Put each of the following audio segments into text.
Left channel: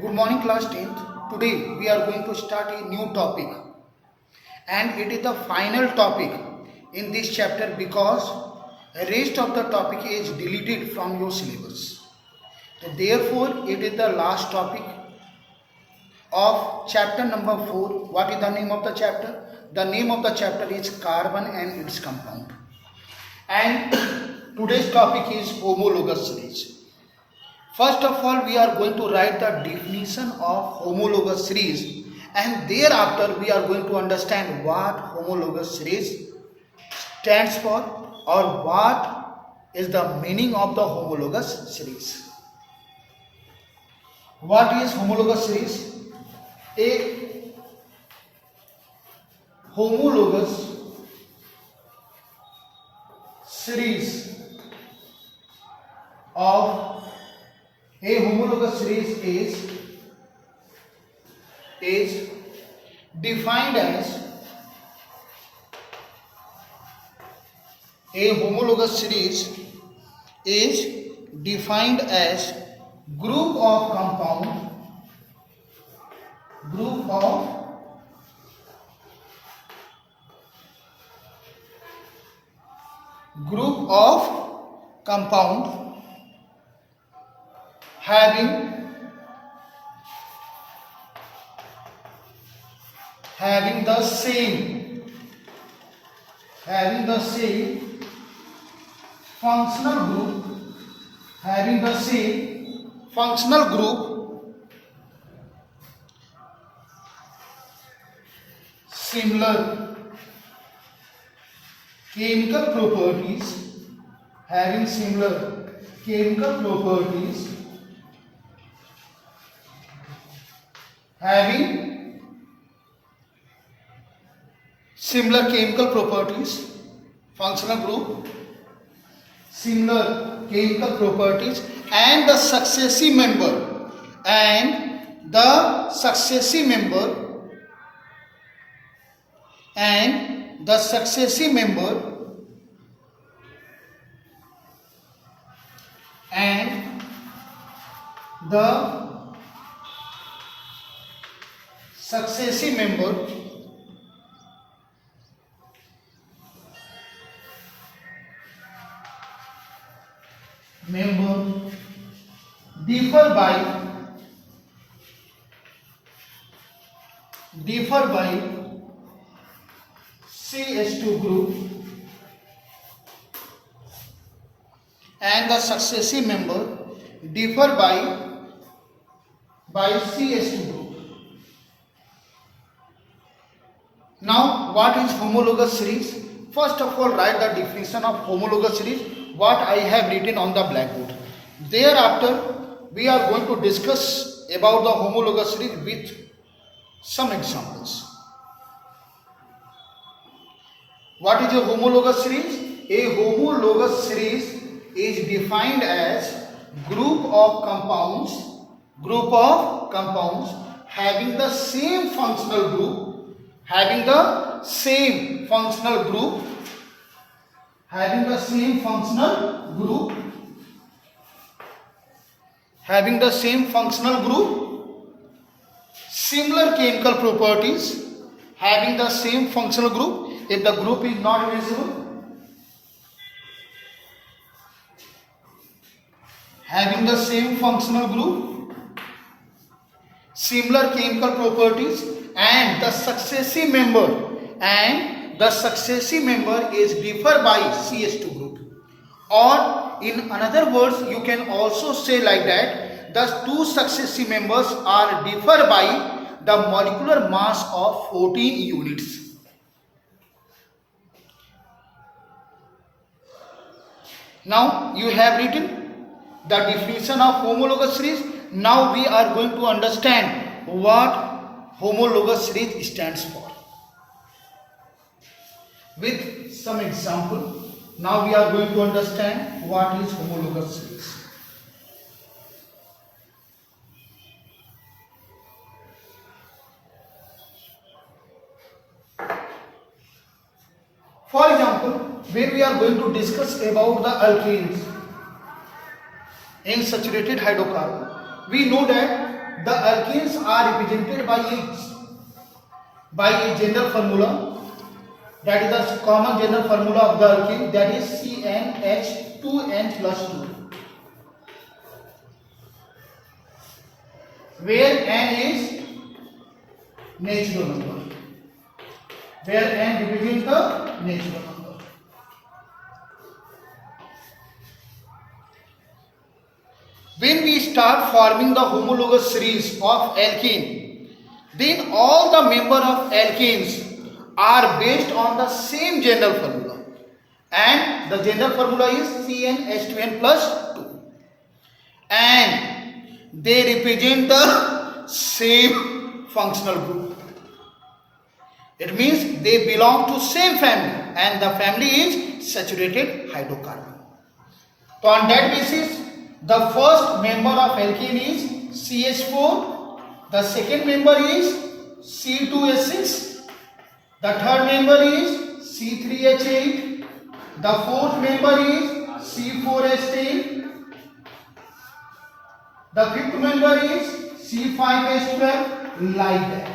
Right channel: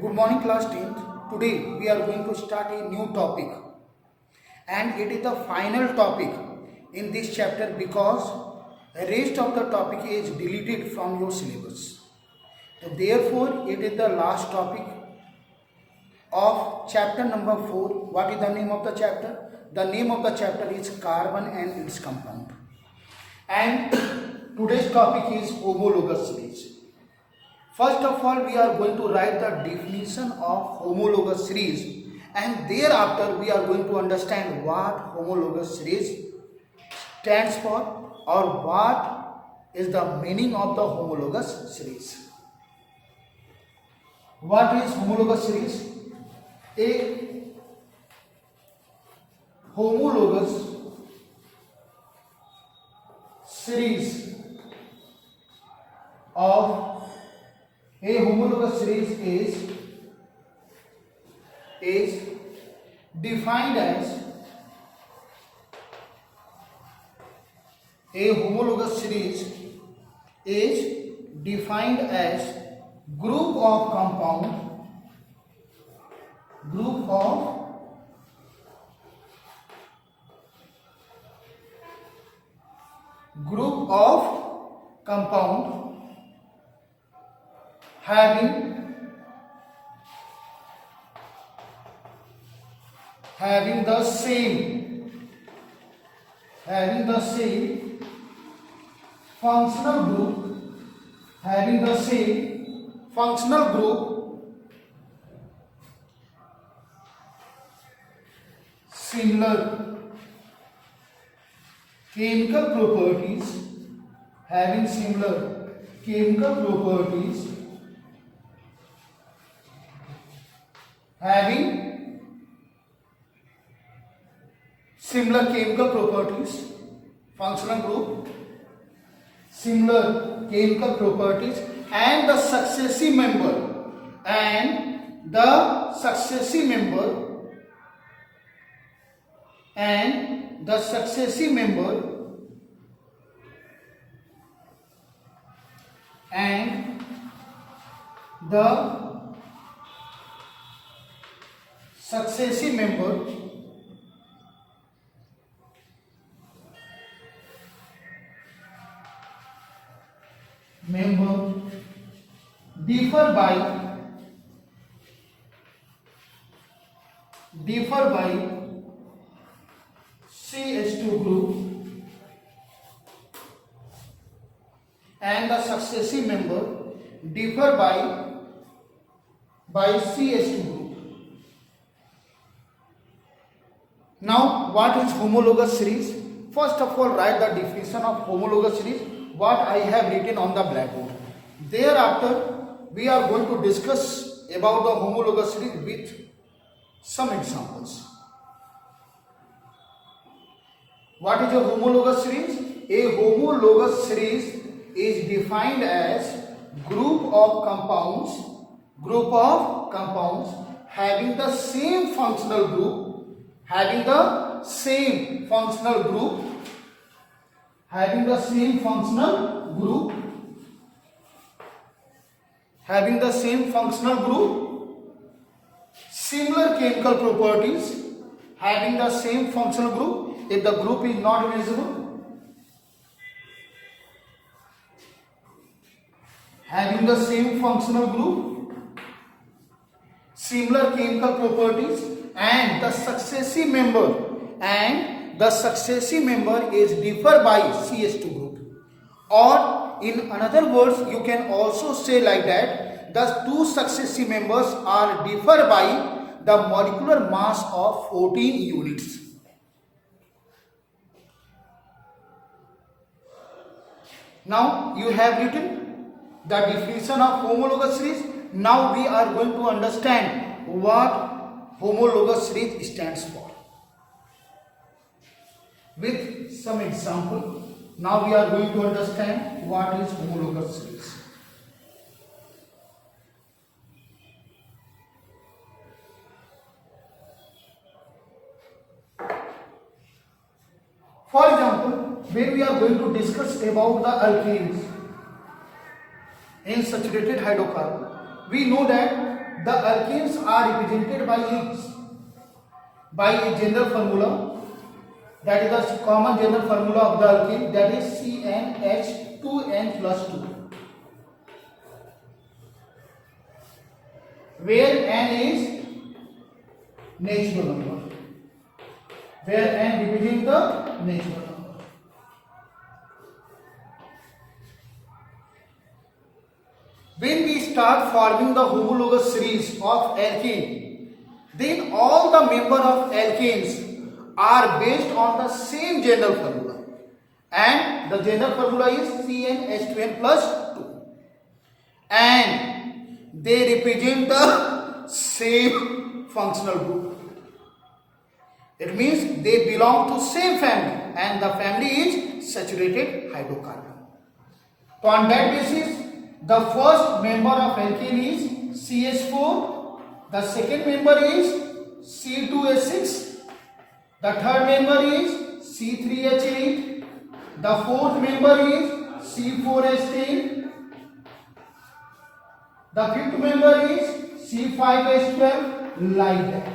Good morning class 10th. Today we are going to start a new topic and it is the final topic in this chapter because rest of the topic is deleted from your syllabus. So therefore it is the last topic of chapter number 4. What is the name of the chapter? The name of the chapter is carbon and its compound. And today's topic is homologous series. First of all, we are going to write the definition of homologous series and thereafter we are going to understand what homologous series stands for or what is the meaning of the homologous series. What is homologous series? A homologous series is defined as group of compound having the same functional group, similar chemical properties, functional group, similar chemical properties, and the successive member differ by CH2 group, and the successive member differ by CH2 group. Now, what is homologous series? First of all, write the definition of homologous series, what I have written on the blackboard. Thereafter, we are going to discuss about the homologous series with some examples. What is a homologous series? A homologous series is defined as group of compounds having the same functional group, similar chemical properties, having the same functional group. If the group is not visible, having the same functional group, similar chemical properties, and the successive member is differ by CH2 group. Or in another words, you can also say like that, the two successive members are differ by the molecular mass of 14 units. Now you have written the definition of homologous series. Now we are going to understand what homologous series stands for. With some example, now we are going to understand what is homologous series. For example, where we are going to discuss about the alkanes in saturated hydrocarbon, we know that the alkenes are represented by a general formula, that is the common general formula of the alkene, that is CnH2n plus 2, where n is natural number, where n represents the natural number. When we start forming the homologous series of alkene, then all the members of alkenes are based on the same general formula, and the general formula is CnH2n plus 2, and they represent the same functional group. It means they belong to same family, and the family is saturated hydrocarbon. So on that basis, the first member of alkene is CH4, the second member is C2H6, the third member is C3H8, the fourth member is C4H10, the fifth member is C5H12, like that.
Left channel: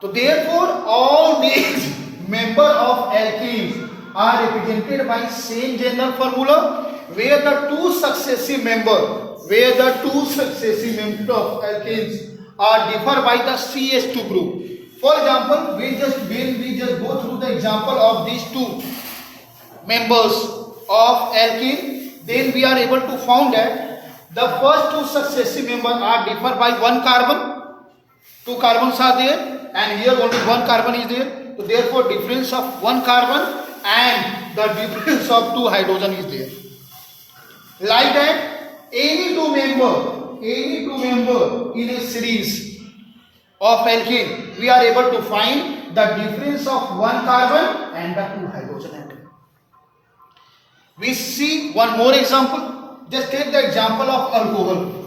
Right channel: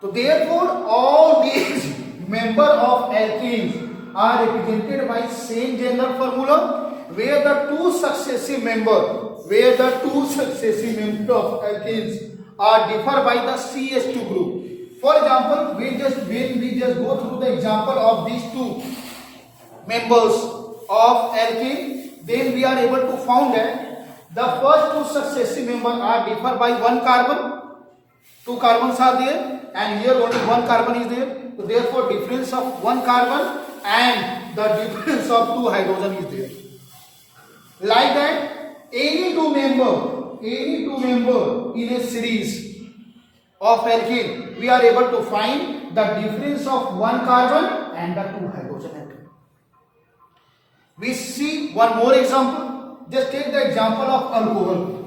So therefore all these member of alkenes are represented by same general formula, where the two successive member of alkenes are differ by the CH2 group. For example, when we just go through the example of these two members of alkene, then we are able to find that the first two successive members are differ by one carbon. Two carbons are there, and here only one carbon is there. So therefore difference of one carbon and the difference of two hydrogen is there. Like that, any two member in a series of alkene, we are able to find the difference of one carbon and the two hydrogen atom. We see one more example. Just take the example of alcohol.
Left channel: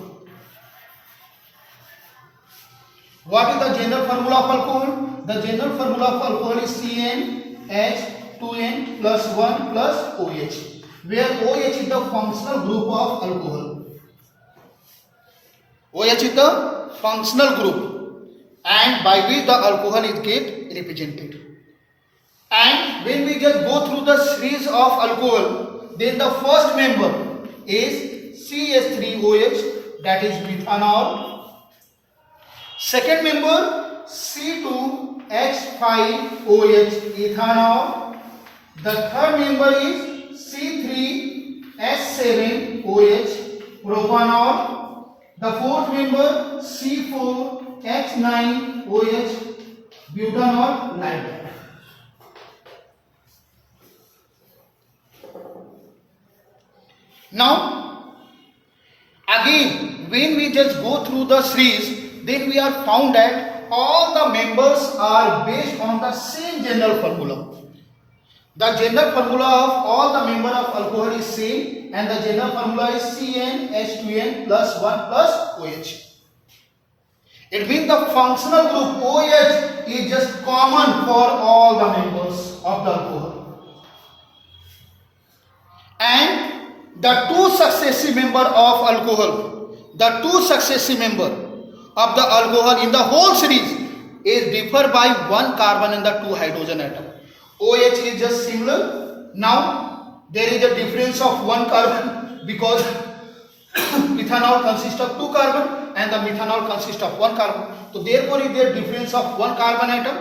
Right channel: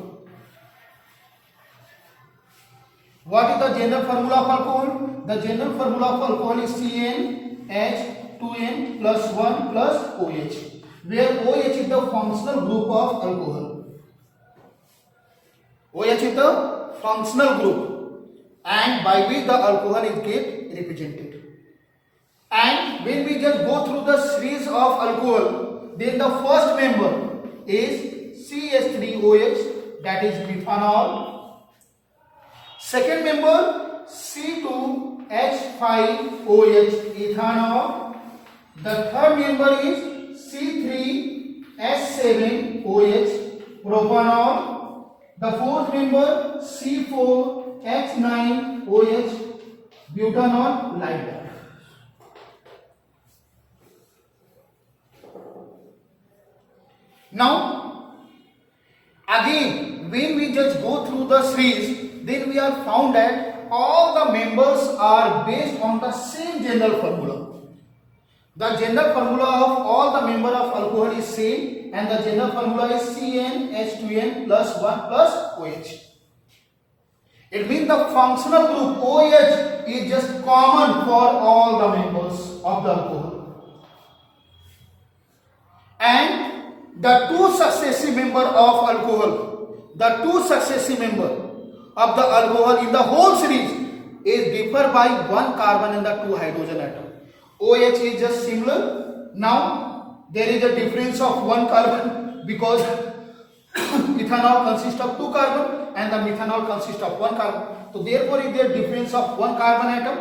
What is the general formula of alcohol? The general formula of alcohol is CnH2n plus 1 plus OH, where OH is the functional group of alcohol. OH is the functional group, and by which the alcohol is get represented. And when we just go through the series of alcohol, then the first member is CH3OH, that is methanol. Second member C2H5OH, ethanol. The third member is C3H7OH, propanol. The fourth member C4H9OH, butanol, like that. Now again, when we just go through the series, then we are found that all the members are based on the same general formula. The general formula of all the members of alcohol is same, and the general formula is CnH2n plus 1 plus OH. It means the functional group OH is just common for all the members of the alcohol. And the two successive member of alcohol, of the alcohol in the whole series is differ by one carbon and the two hydrogen atom. OH is just similar. Now there is a difference of one carbon, because ethanol consists of two carbon and the methanol consists of one carbon. So therefore is there difference of one carbon atom,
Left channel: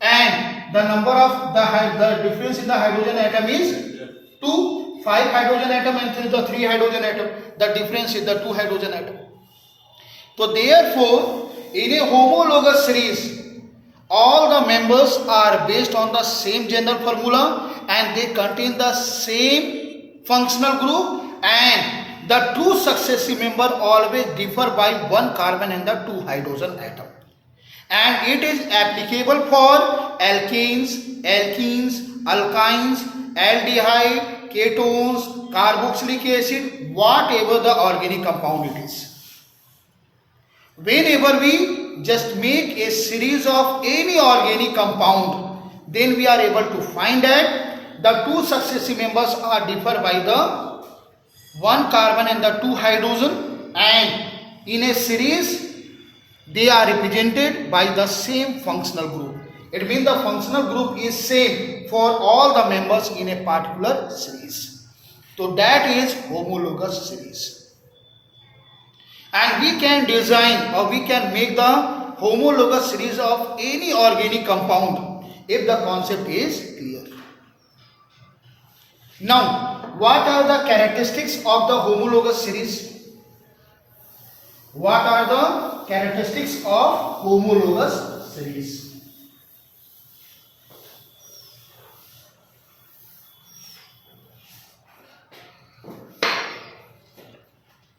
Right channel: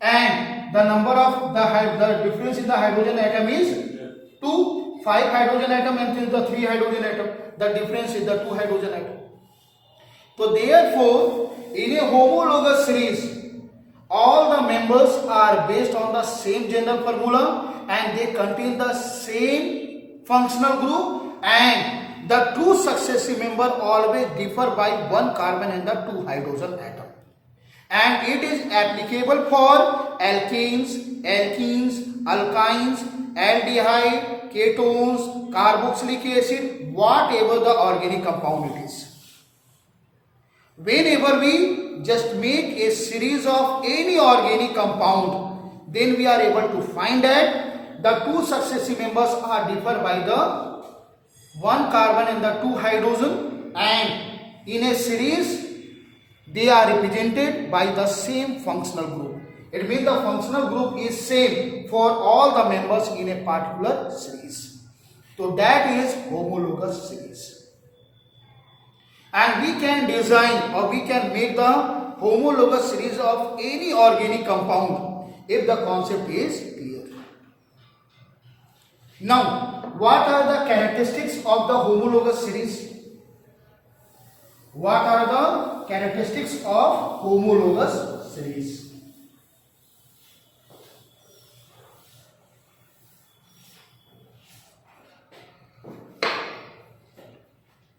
and the number of the difference in the hydrogen atom is 2. 5 hydrogen atom and the 3 hydrogen atom. The difference is the 2 hydrogen atom. So therefore, in a homologous series, all the members are based on the same general formula, and they contain the same functional group, and the two successive members always differ by one carbon and the 2 hydrogen atom. And it is applicable for alkanes, alkynes, aldehyde, ketones, carboxylic acid, whatever the organic compound it is. Whenever we just make a series of any organic compound, then we are able to find that the two successive members are differ by the one carbon and the two hydrogen, and in a series they are represented by the same functional group. It means the functional group is same for all the members in a particular series. So that is homologous series. And we can design or we can make the homologous series of any organic compound if the concept is clear. Now, what are the characteristics of the homologous series? What are the characteristics of homologous series?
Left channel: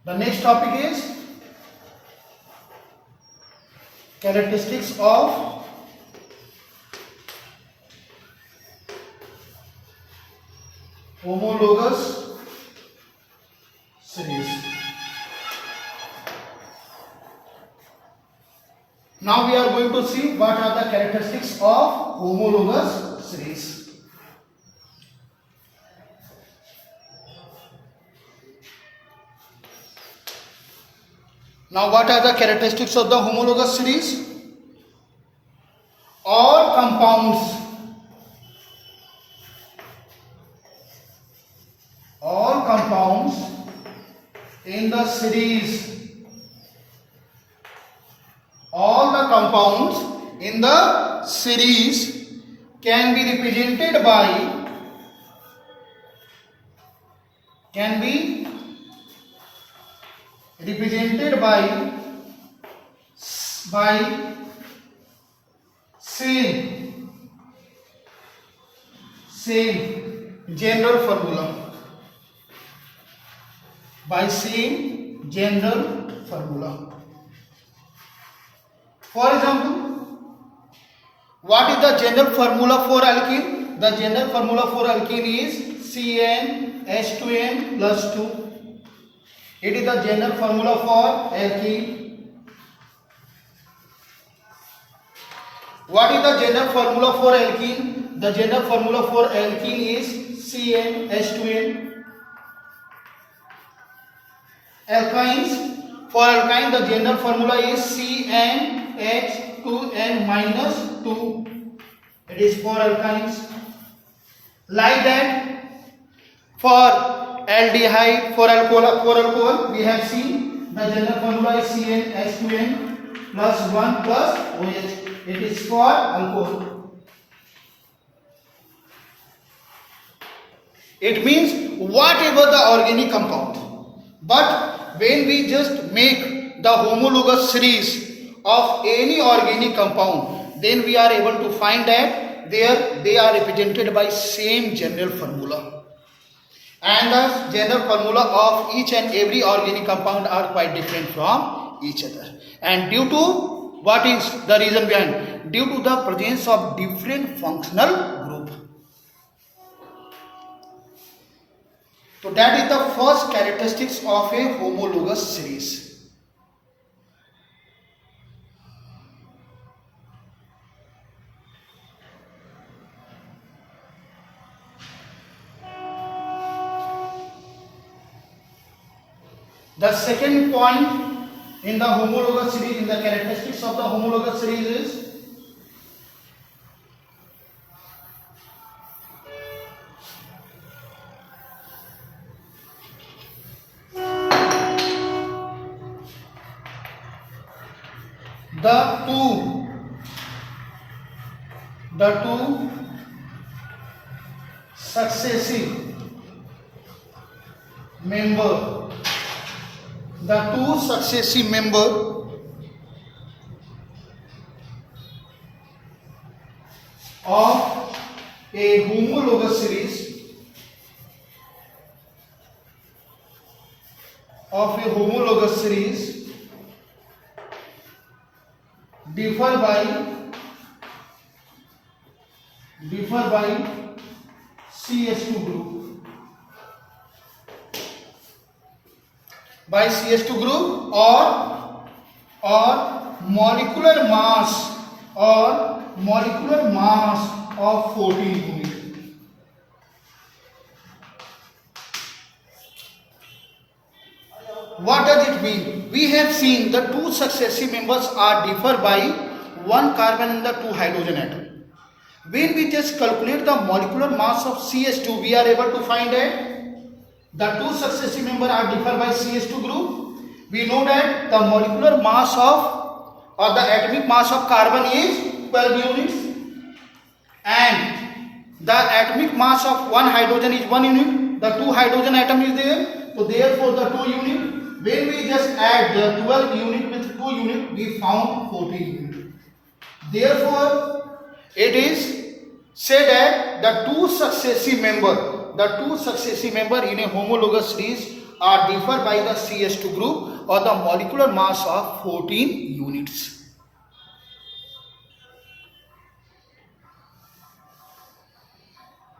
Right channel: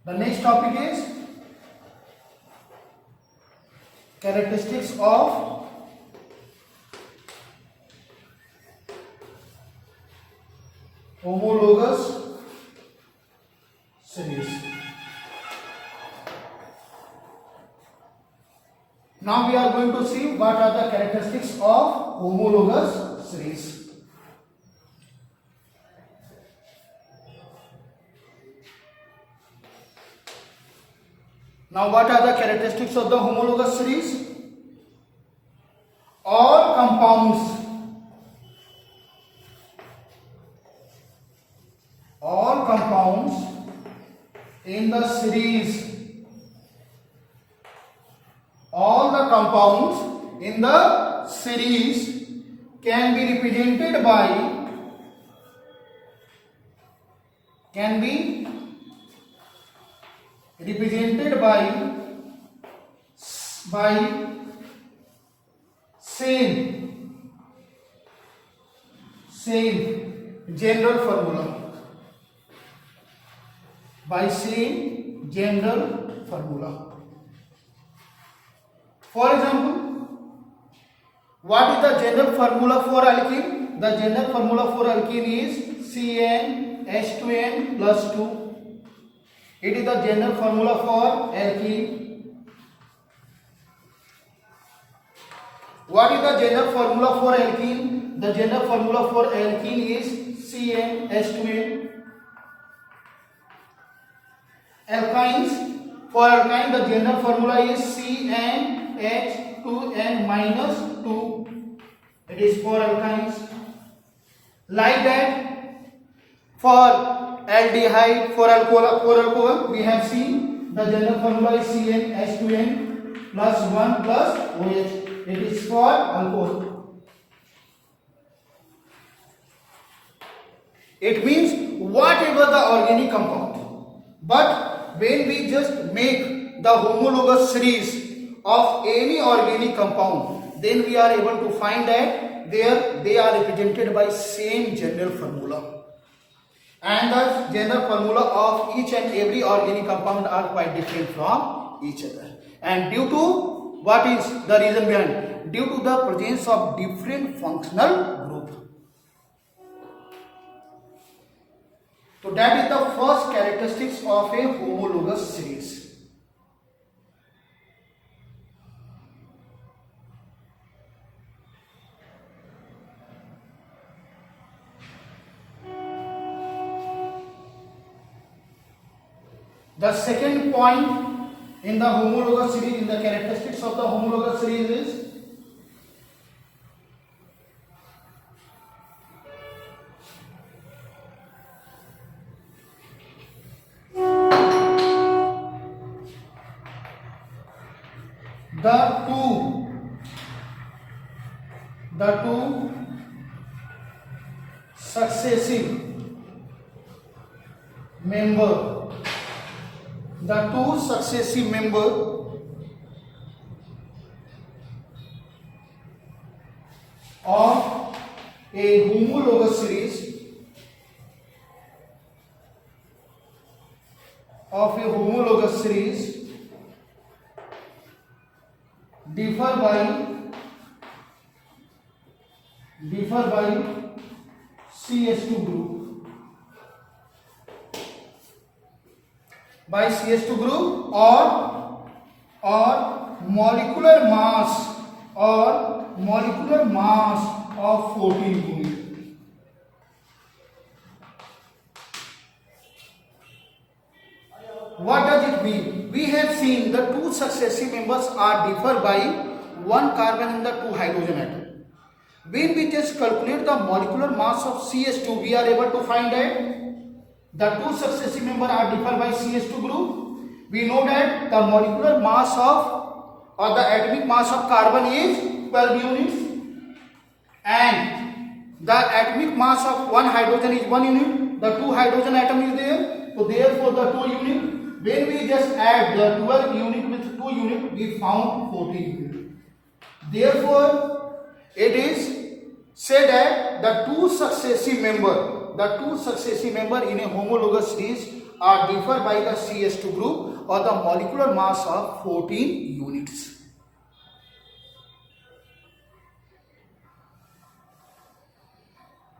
The next topic is characteristics of homologous series. Now we are going to see what are the characteristics of homologous series. Now what are the characteristics of the homologous series? All compounds in the series, all the compounds in the series can be represented by same general formula. By same general formula. For example, what is the general formula for alkene? The general formula for alkene is CnH2n plus 2. It is the general formula for alkene. What is the general formula for alkene? The general formula for alkene is CnH2n. Alkynes, for alkyne the general formula is CnH2n minus 2. It is for alkynes. Like that, for aldehyde, for alcohol, we have seen the general formula is CnH2n plus 1 plus OH. It is for alcohol. It means whatever the organic compound. But when we just make the homologous series of any organic compound, then we are able to find that they are represented by same general formula. And the general formula of each and every organic compound are quite different from each other. And due to what is the reason behind? Due to the presence of different functional group. So that is the first characteristics of a homologous series. The second point in the homologous series, in the characteristics of the homologous series is the two successive member of a homologous series differ by CH2 group, or molecular mass of 14 unit. What does it mean? We have seen the two successive members are differ by one carbon in the two hydrogen atom. When we just calculate the molecular mass of CH2, we are able to find that the two successive members are differ by CH2 group. We know that the molecular mass of or the atomic mass of carbon is 12 units and the atomic mass of one hydrogen is 1 unit. The two hydrogen atom is there, so therefore the 2 unit. When we just add the 12 unit with 2 unit, we found 14 unit. Therefore, it is said that the two successive member in a homologous series are differ by the CH2 group or the molecular mass of 14 units.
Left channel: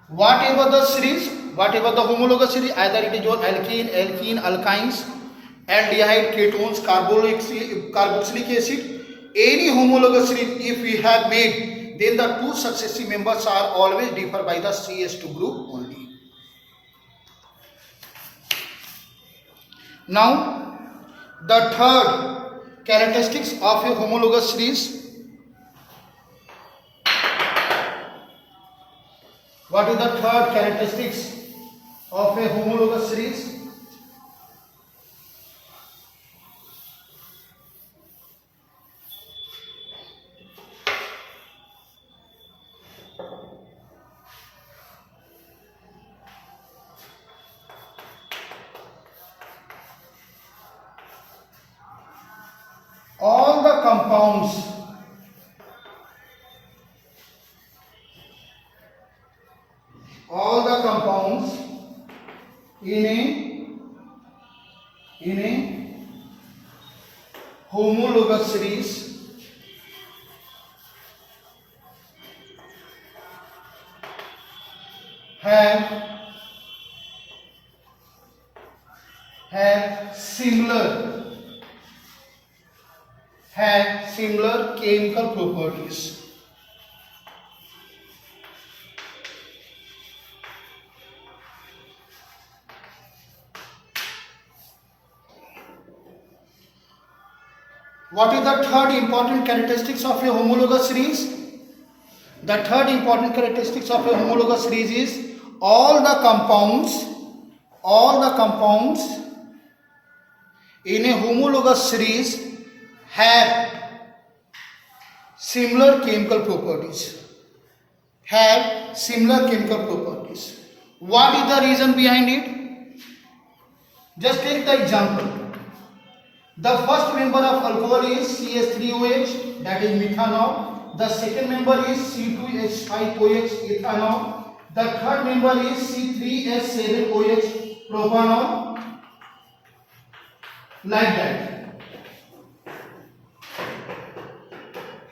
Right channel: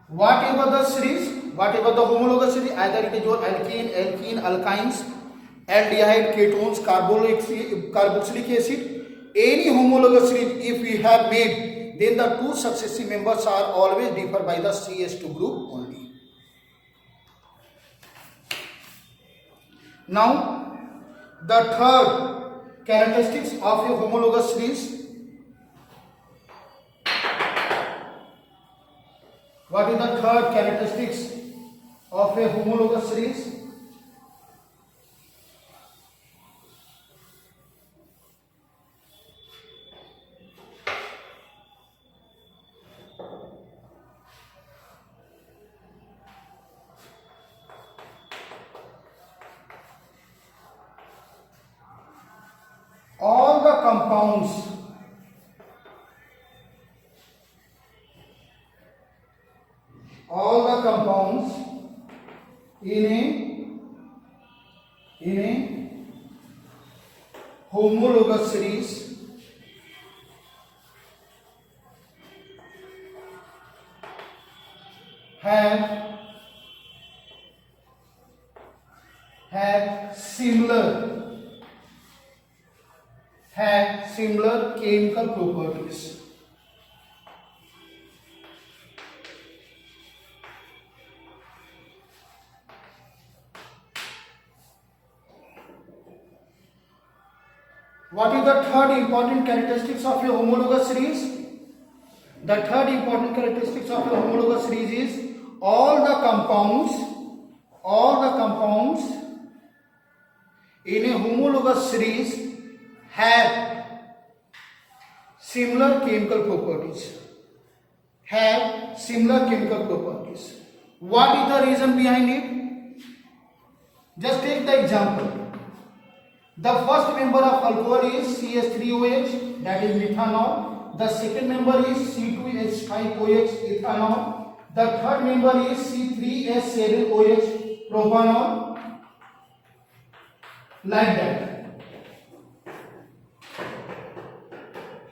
Whatever the homologous series, either it is your alkene, alkynes, aldehyde, ketones, carboxylic acid, any homologous series if we have made, then the two successive members are always differ by the CH2 group only. Now, the third characteristics of a homologous series. What is the third characteristics of a homologous series? All the compounds in a homologous series have similar chemical properties. What is the third important characteristics of a homologous series? The third important characteristics of a homologous series is all the compounds in a homologous series have similar chemical properties. What is the reason behind it? Just take the example. The first member of alcohol is CH3OH, that is methanol. The second member is C2H5OH, ethanol. The third member is C3H7OH, propanol. Like that.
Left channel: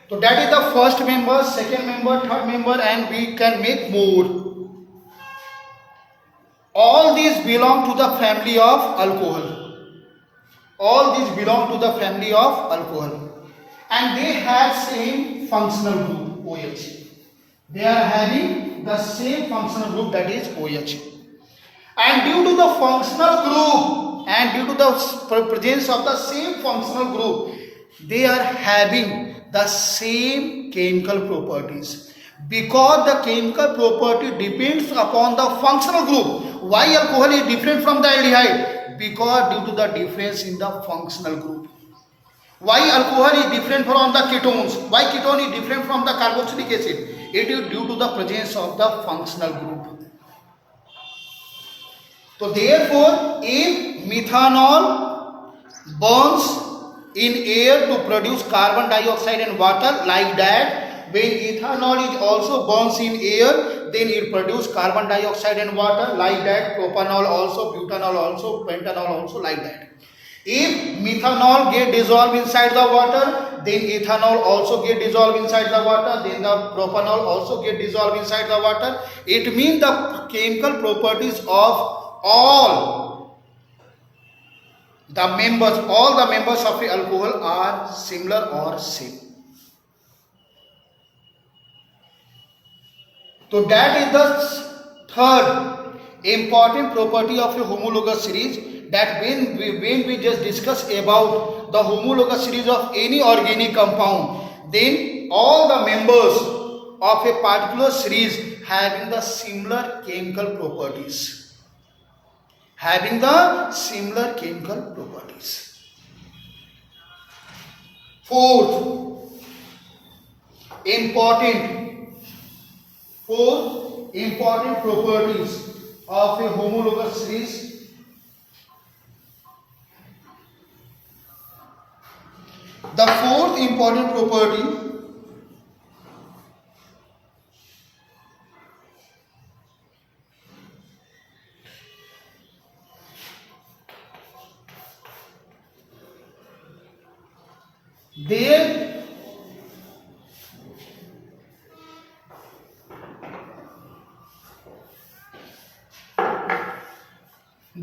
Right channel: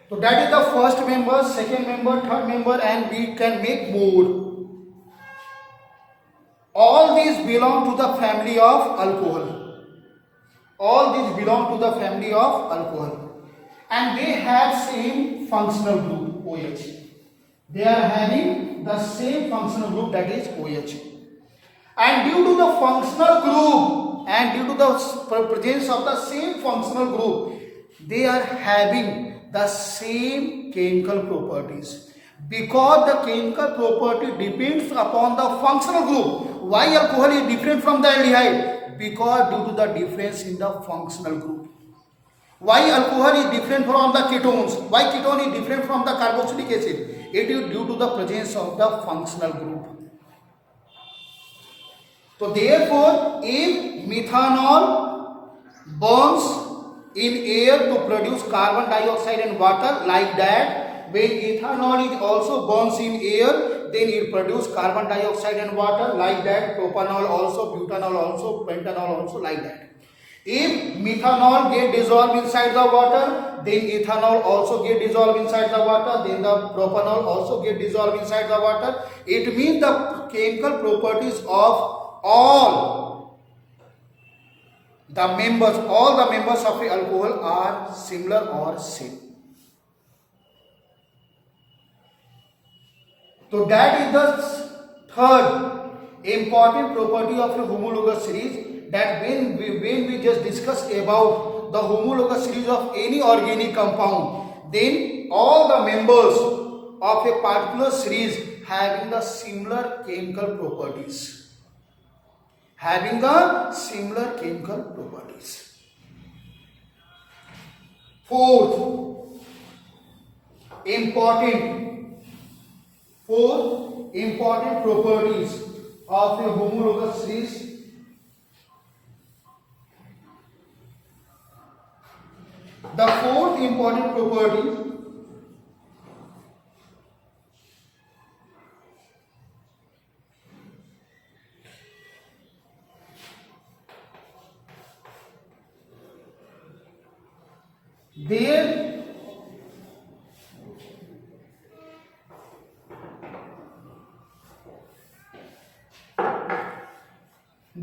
So that is the first member, second member, third member, and we can make more. All these belong to the family of alcohol. And they have same functional group OH. They are having the same functional group, that is OH. And due to the functional group and due to the presence of the same functional group, they are having the same chemical properties. Because the chemical property depends upon the functional group. Why alcohol is different from the aldehyde? Because due to the difference in the functional group. Why alcohol is different from the ketones? Why ketone is different from the carboxylic acid? It is due to the presence of the functional group. So therefore, if methanol burns in air to produce carbon dioxide and water, like that, when ethanol is also burns in air, then it produces carbon dioxide and water, like that. Propanol also, butanol also, pentanol also, like that. If methanol get dissolved inside the water, then ethanol also get dissolved inside the water, then the propanol also get dissolved inside the water. It means the chemical properties of all the members of the alcohol are similar or same. So that is the third important property of a homologous series, that when we just discuss about the homologous series of any organic compound, then all the members of a particular series having the similar chemical properties. Having the similar chemical properties. Fourth important properties of a homologous series. The fourth important property there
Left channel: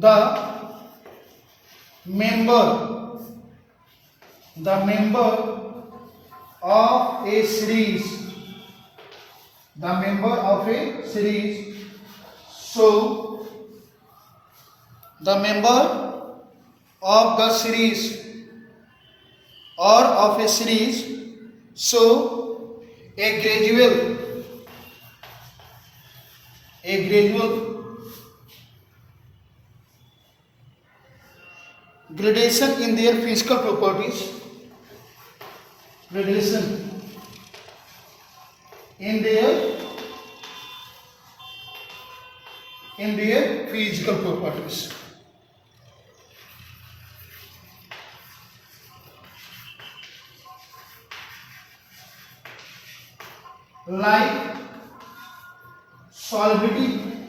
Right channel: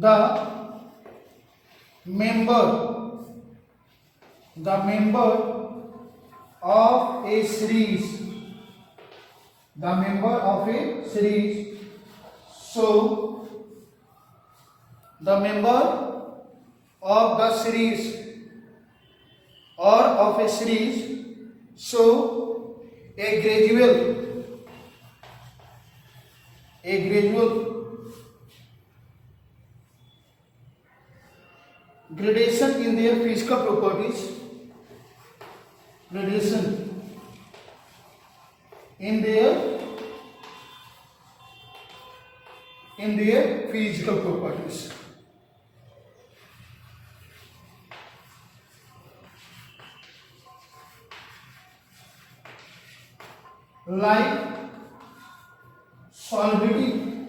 the member of a series, so the member of the series or of a series, so a gradual gradation in their physical properties, in their physical properties. Like solubility,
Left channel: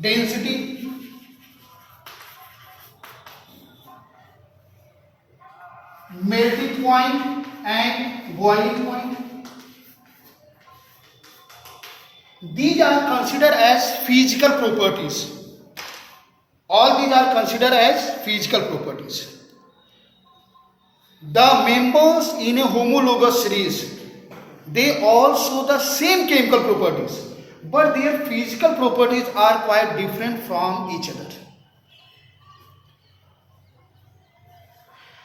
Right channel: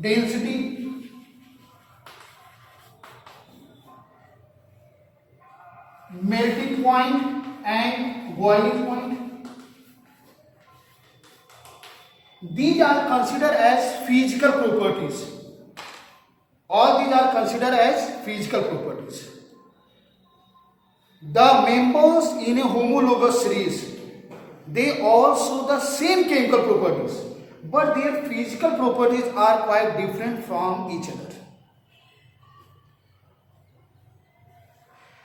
density, melting point and boiling point. These are considered as physical properties. All these are considered as physical properties. The members in a homologous series, they all show the same chemical properties, but their physical properties are quite different from each other.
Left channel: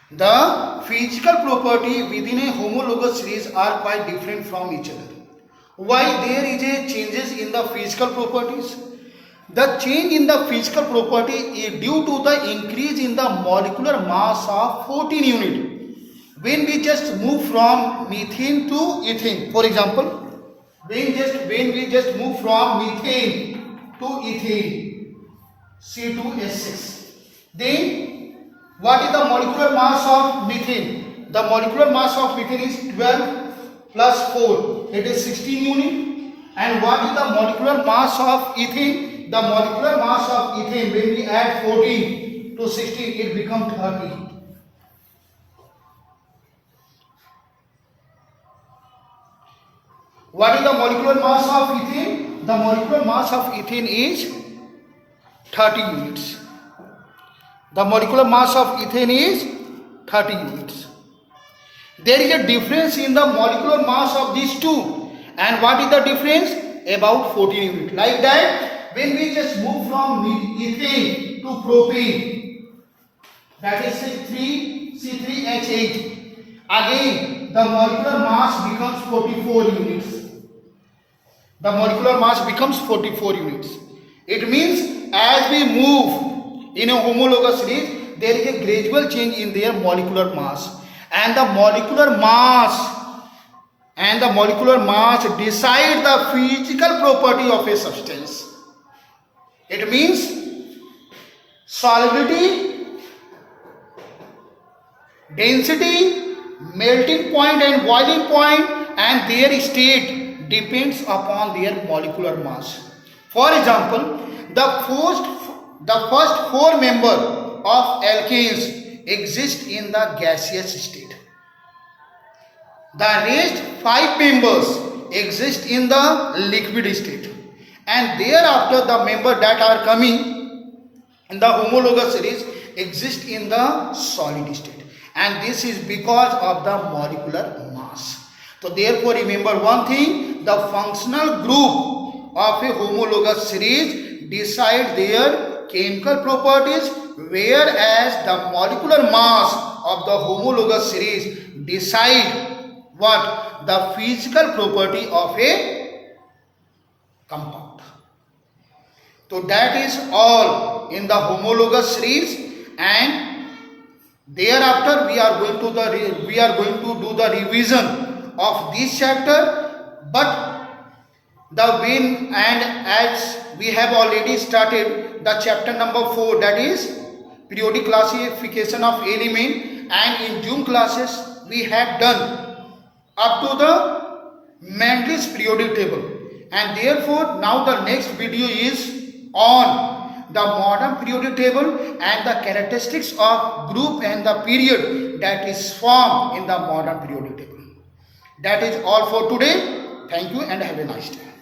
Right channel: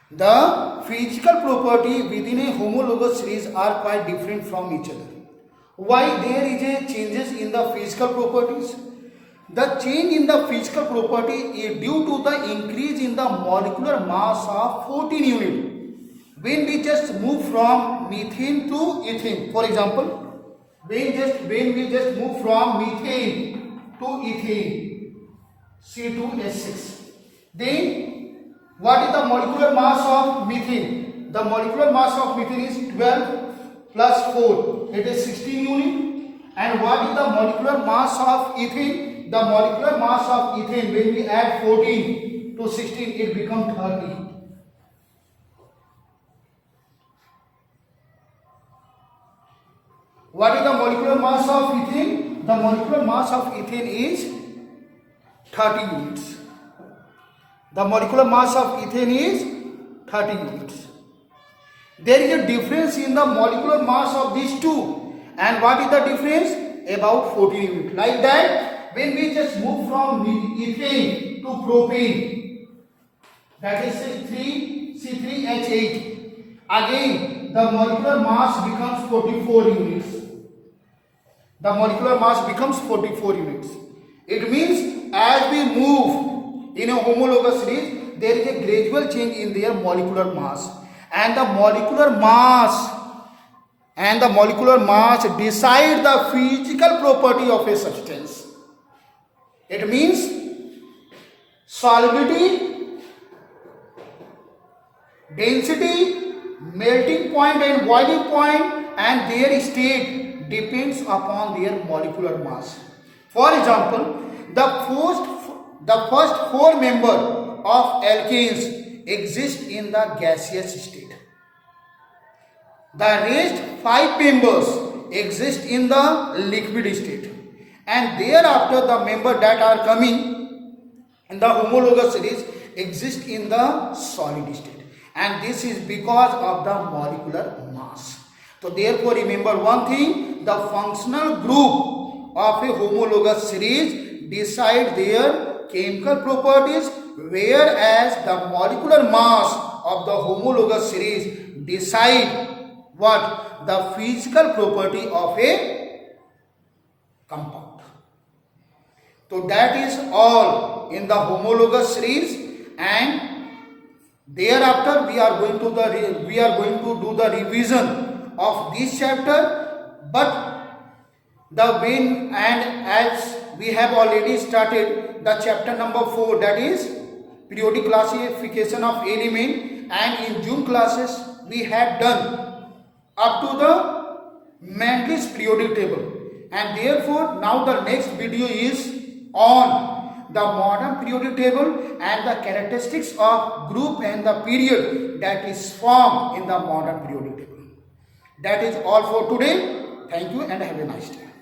The physical property within a homologous series are quite different from each other. Why there is a changes in the physical properties? The change in the physical property is due to the increase in the molecular mass of 14 units. When we just move from methane to ethane, for example, when we just move from methane to ethane, C2H6, then what is the molecular mass of methane? The molecular mass of methane is 12 plus 4, it is 16 unit. And what is the molecular mass of ethane? The molecular mass of ethane, when we add 14 to 16, it becomes 30. What is the molecular mass of ethane? The molecular mass of ethane is 30 units. The molecular mass of ethane is 30 units. There is a difference in the molecular mass of these two. And what is the difference? About 14 units. Like that, when we just move from ethane to propane, that is C3H8, again the molecular mass becomes 44 units. The molecular mass becomes 44 units. It means as we move in a homologous series, there is a gradual change in their molecular mass. And the molecular mass decide the physical property of a substance. It means solubility, density, melting point and boiling point, and their state depends upon their molecular mass. For example, the first four members of alkanes exist in the gaseous state. The rest 5 members exist in the liquid state. And thereafter the members that are coming in the homologous series exist in the solid state. And this is because of the molecular mass. So therefore remember one thing, the functional group of a homologous series decide their chemical properties, whereas the molecular mass of the homologous series decide what? The physical property of a compound. So that is all in the homologous series, and thereafter we are going to do the revision of this chapter. But the when and as we have already started the chapter number 4, that is periodic classification of element, and in June classes we have done up to the Mendel's periodic table, and therefore now the next video is on the modern periodic table and the characteristics of group and the period that is formed in the modern periodic table. That is all for today. Thank you and have a nice day.